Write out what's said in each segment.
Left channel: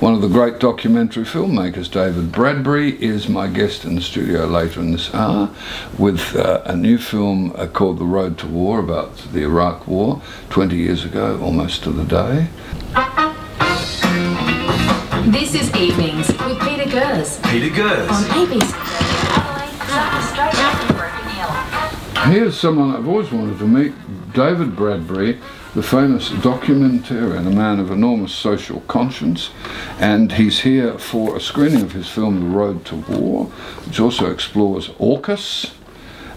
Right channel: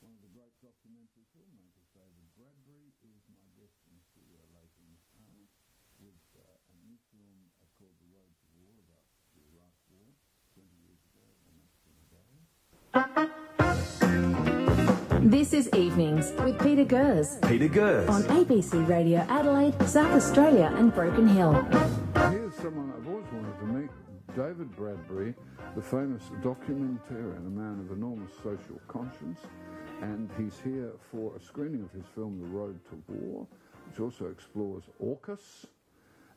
One of the great documentary filmmakers, David Bradbury, is my guest in the studio later in this hour with a new film called The Road to War, about the Iraq War 20 years ago, almost to the day. This is Evenings with Peter Goers. Peter Goers. On ABC Radio Adelaide, South Australia and Broken Hill. Here's someone I've always wanted to meet, David Bradbury, the famous documentarian, a man of enormous social conscience, and he's here for a screening of his film The Road to War, which also explores AUKUS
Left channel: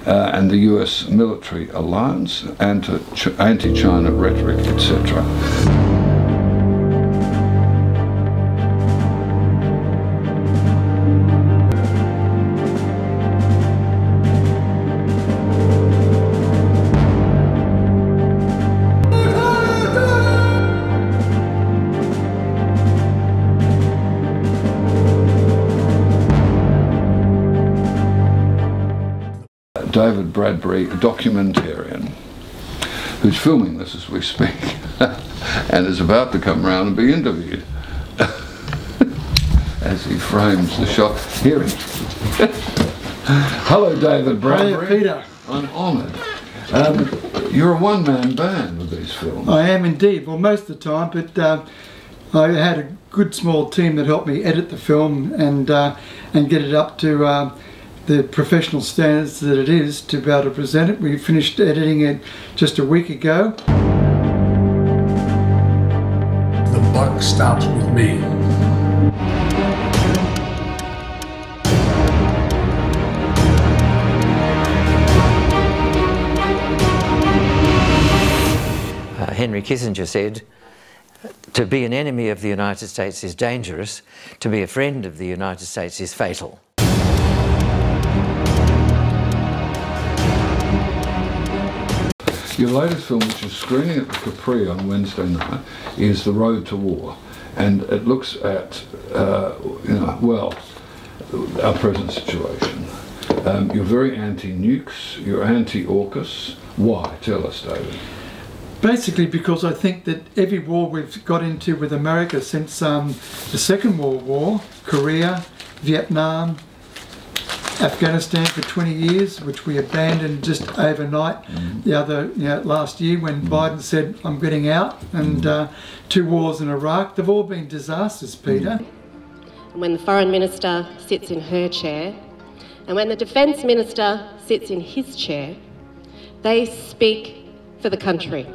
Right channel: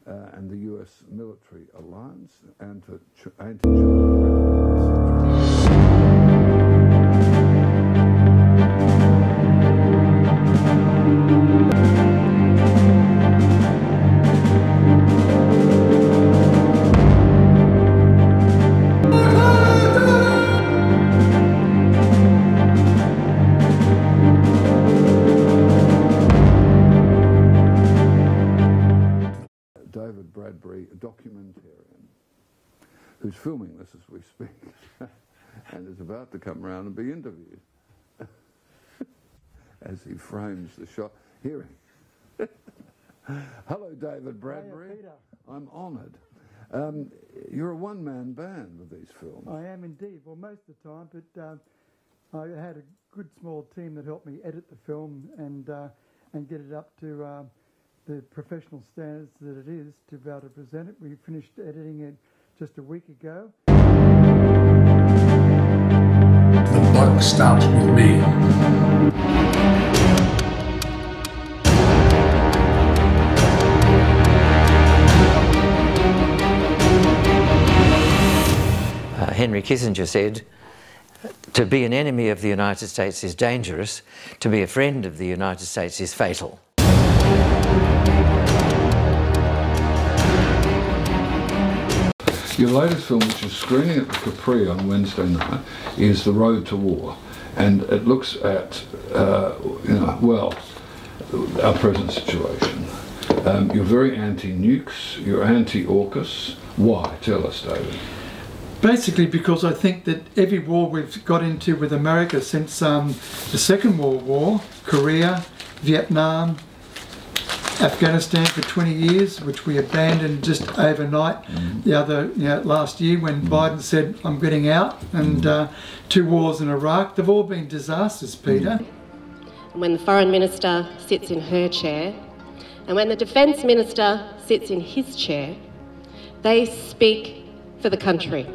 and the US military alliance, anti-China rhetoric, etc. David Bradbury, a documentarian, who's filming this as we speak and is about to come round and be interviewed as he frames the shot. Here he is. Hello, David Bradbury. Hi, Peter. I'm honoured. You're a one-man band with these films. I am indeed. Well, most of the time, but I had a good small team that helped me edit the film and get it up to the professional standards that it is to be able to present it. We finished editing it just a week ago. The buck stops with me. Henry Kissinger said, "To be an enemy of the United States is dangerous, to be a friend of the United States is fatal." Your latest film, which is screening at the Capri on Wednesday night, is The Road to War, and it looks at, well, our present situation. You're very anti-nukes, you're anti-AUKUS. Why? Tell us, David. Basically because I think that every war we've got into with America since the Second World War, Korea, Vietnam, Afghanistan for 20 years, which we abandoned just overnight last year when Biden said, "I'm getting out," and 2 wars in Iraq. They've all been disasters, Peter. And when the Foreign Minister sits in her chair, and when the Defence Minister sits in his chair, they speak for the country.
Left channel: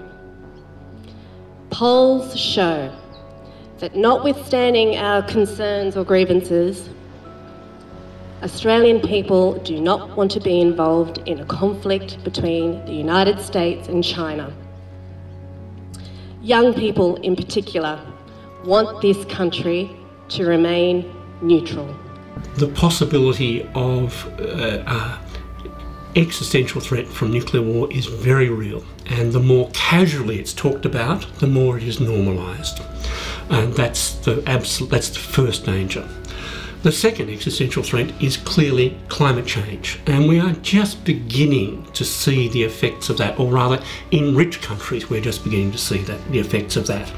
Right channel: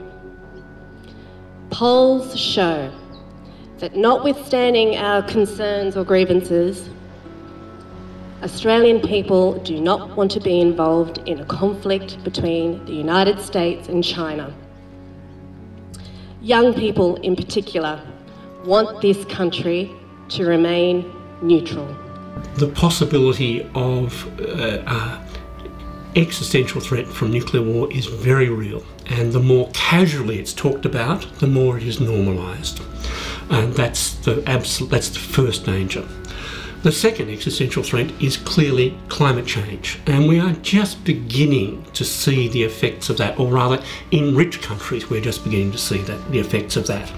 Polls show that notwithstanding our concerns or grievances, Australian people do not want to be involved in a conflict between the United States and China. Young people in particular want this country to remain neutral. The possibility of existential threat from nuclear war is very real, and the more casually it's talked about, the more it is normalised. And that's the first danger. The second existential threat is clearly climate change, and we are just beginning to see the effects of that, or rather, in rich countries, we're just beginning to see the effects of that.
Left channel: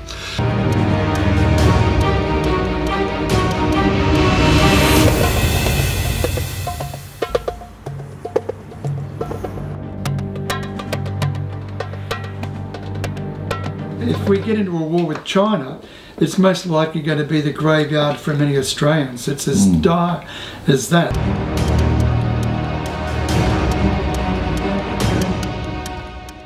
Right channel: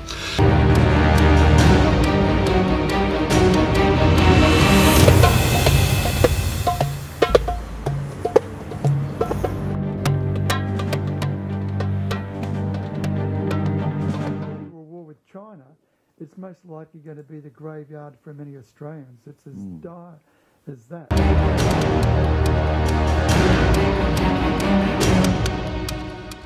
If we get into a war with China, it's most likely going to be the graveyard for many Australians. It's as dire as that.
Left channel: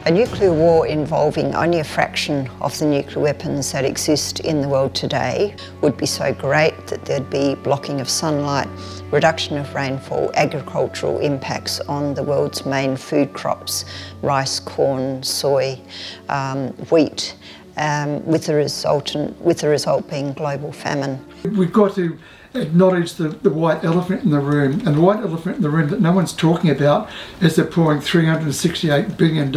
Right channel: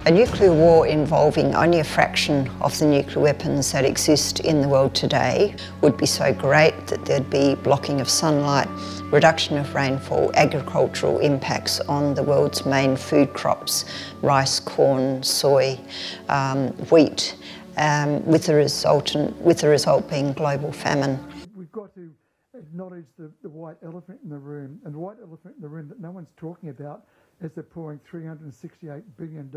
A nuclear war involving only a fraction of the nuclear weapons that exist in the world today would be so great that there'd be blocking of sunlight, reduction of rainfall, agricultural impacts on the world's main food crops, rice, corn, soy, wheat, with the result being global famine. We've got to acknowledge the white elephant in the room, and the white elephant in the room that no one's talking about is they're pouring $368 billion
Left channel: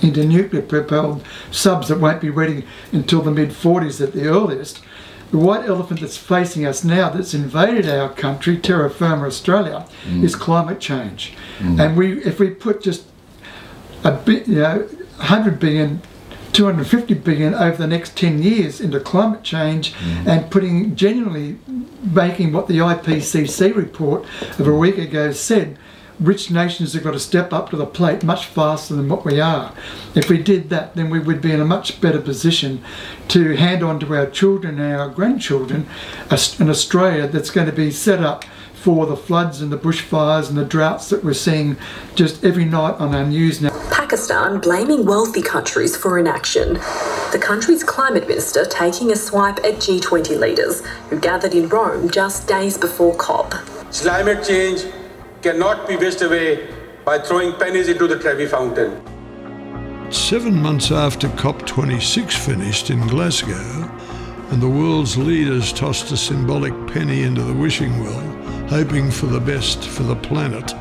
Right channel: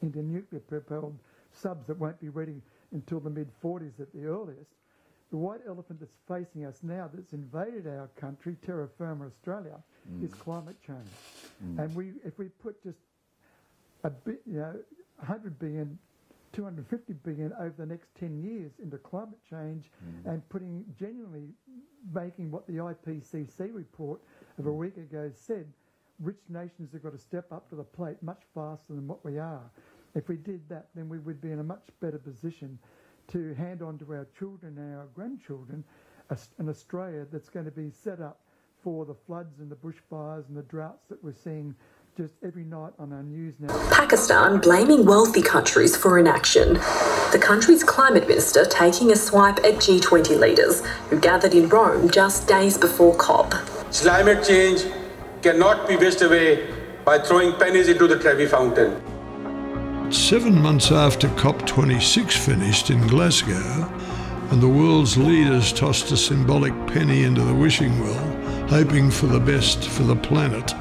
into nuclear-propelled subs that won't be ready until the mid-40s at the earliest. The white elephant that's facing us now, that's invaded our country, terra firma Australia, is climate change. And if we put just $100 billion 250 billion over the next 10 years into climate change and genuinely making what the IPCC report of a week ago said. Rich nations have got to step up to the plate much faster than what we are. If we did that, then we would be in a much better position to hand on to our children and our grandchildren an Australia that's going to be set up for the floods and the bushfires and the droughts that we're seeing just every night on our news now. Pakistan blaming wealthy countries for inaction. The country's climate minister taking a swipe at G20 leaders who gathered in Rome just days before COP. Climate change cannot be wished away by throwing pennies into the Trevi fountain. 7 months after COP26 finished in Glasgow, and the world's leaders tossed a symbolic penny into the wishing well, hoping for the best for the planet,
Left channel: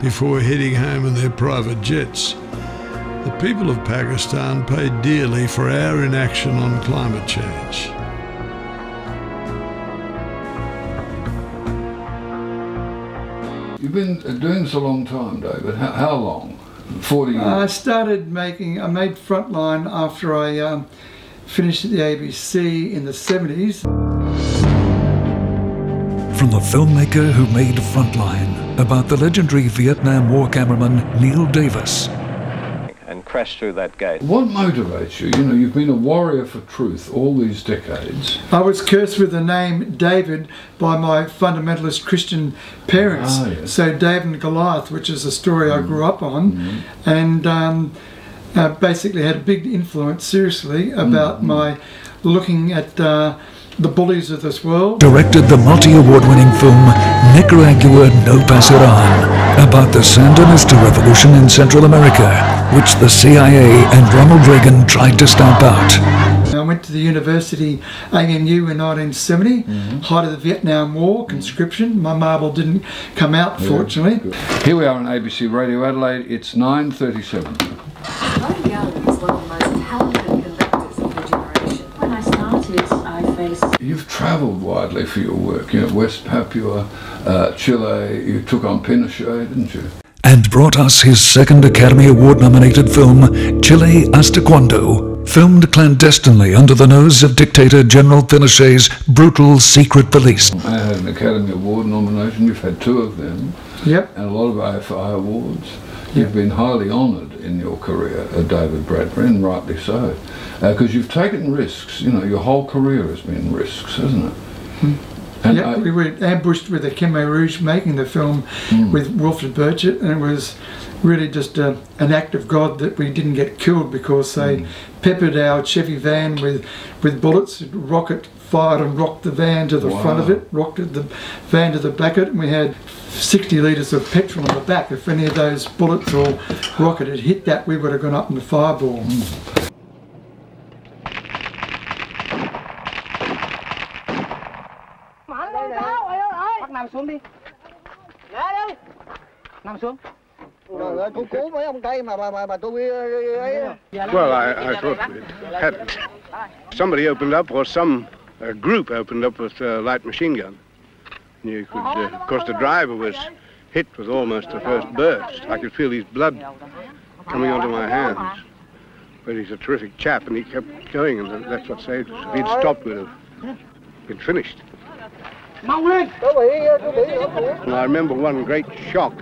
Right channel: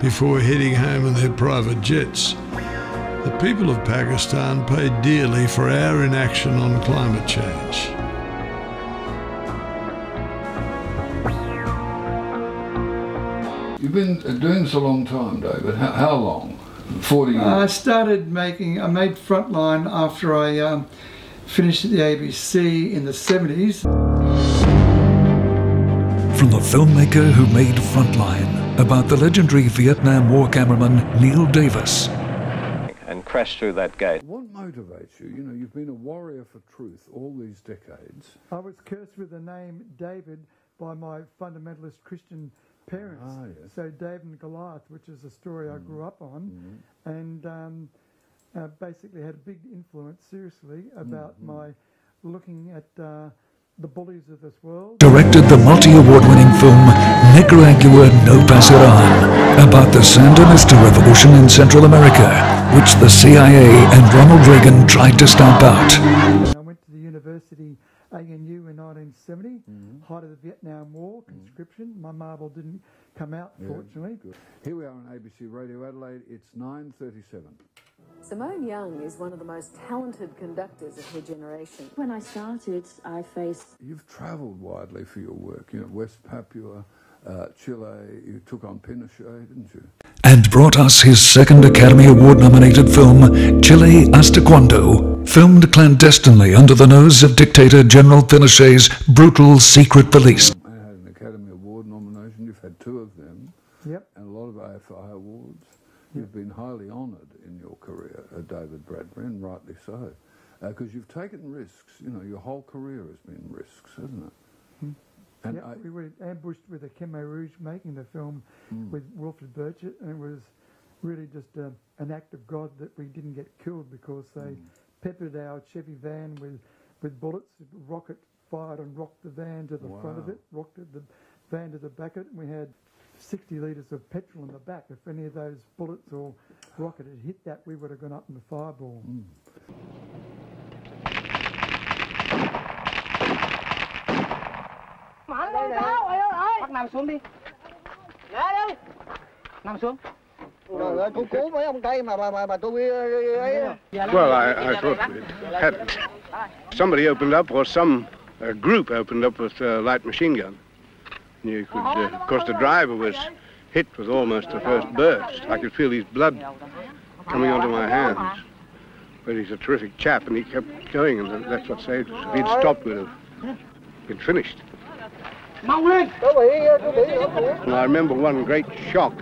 before heading home in their private jets, the people of Pakistan paid dearly for our inaction on climate change. You've been doing this a long time, David. How long? 40 years? I made Frontline after I finished at the ABC in the 70s. From the filmmaker who made Frontline, about the legendary Vietnam War cameraman Neil Davis. And crashed through that gate. What motivates you? You know, you've been a warrior for truth all these decades. I was cursed with the name David by my fundamentalist Christian parents. Yes. So David and Goliath, which is a story I grew up on, and basically had a big influence, seriously, about my looking at the bullies of this world. Directed the multi-award-winning film Nicaragua No Pasarán, about the Sandinista revolution in Central America, which the CIA and Ronald Reagan tried to stamp out. I went to the university, ANU, in 1970, height of the Vietnam War, conscription. My marble didn't come out, fortunately. Here we are on ABC Radio Adelaide. It's 9:37. David Bradbury is one of the most talented conductors of the generation. When I started, I faced... You've travelled widely for your work. You know, West Papua, Chile. You took on Pinochet, didn't you? And brought us his second Academy Award-nominated film, Chile Hasta Cuando, filmed clandestinely under the nose of dictator General Pinochet's brutal secret police. I had an Academy Award nomination. You've had 2 of them. Yep. And a lot of AFI awards. You've been highly honoured in your career, David Bradbury, and rightly so, because you've taken risks. You know, your whole career has been risks, hasn't it? And we were ambushed with the Khmer Rouge making the film with Wilfred Burchett, and it was really just an act of God that we didn't get killed, because they peppered our Chevy van with bullets. Rocket fired and rocked the van to the front of it, rocked the van to the back of it, and we had 60 litres of petrol in the back. If any of those bullets or rocket had hit that, we would have gone up in the fireball. Nằm xuống đi. Nằm xuống. Well, I thought had somebody opened up, or some group opened up with a light machine gun. You could, of course, the driver was hit with almost the first burst. I could feel his blood coming onto my hands. But he's a terrific chap, and he kept going, and that's what saved us. If he'd stopped, we'd have been finished. And I remember one great shock,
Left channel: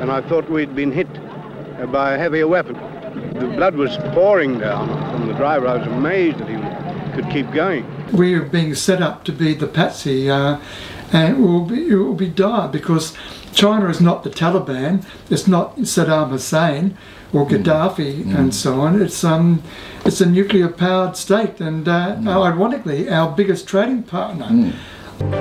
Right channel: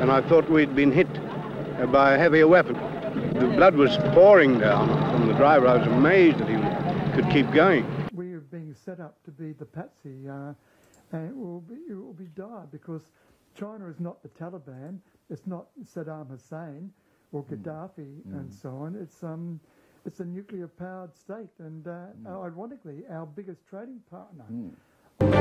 and I thought we'd been hit by a heavier weapon. The blood was pouring down from the driver. I was amazed that he could keep going. We are being set up to be the patsy, and it will be dire, because China is not the Taliban, it's not Saddam Hussein or Gaddafi and so on. It's a nuclear-powered state, and ironically, our biggest trading partner.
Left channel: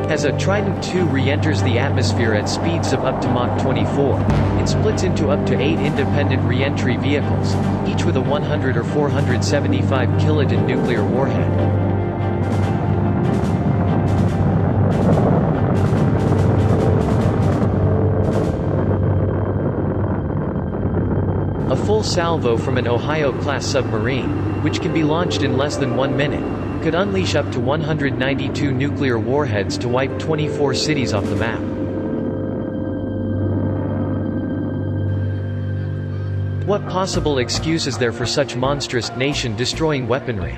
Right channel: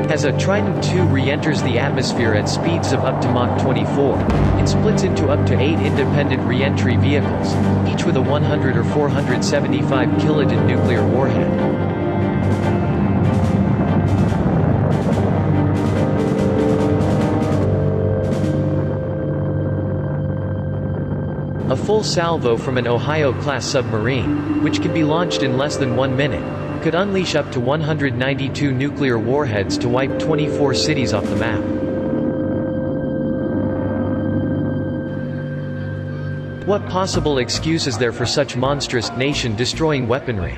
As a Trident II re-enters the atmosphere at speeds of up to Mach 24, it splits into up to 8 independent re-entry vehicles, each with a 100 or 475 kiloton nuclear warhead. A full salvo from an Ohio-class submarine, which can be launched in less than 1 minute, could unleash up to 192 nuclear warheads to wipe 24 cities off the map. What possible excuse is there for such monstrous, nation-destroying weaponry?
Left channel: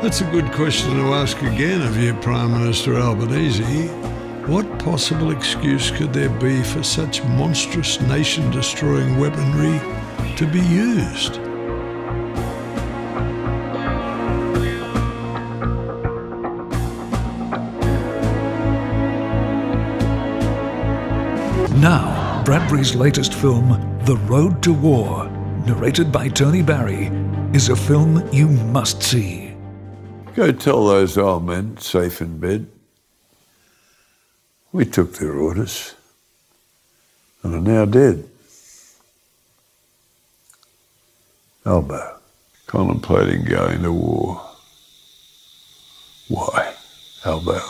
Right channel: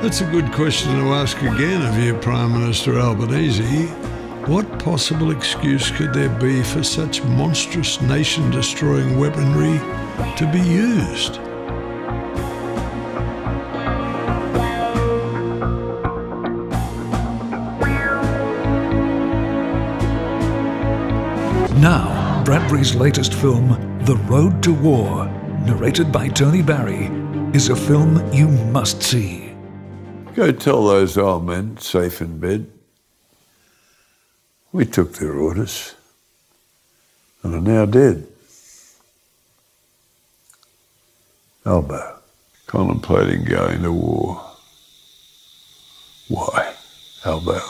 That's a good question to ask again of you, Prime Minister Albanese. What possible excuse could there be for such monstrous, nation-destroying weaponry to be used? Now, Bradbury's latest film, The Road to War, narrated by Tony Barry, is a film you must see. Go tell those old men, safe in bed, we took their orders and are now dead. Albo, contemplating going to war. Why, Albo?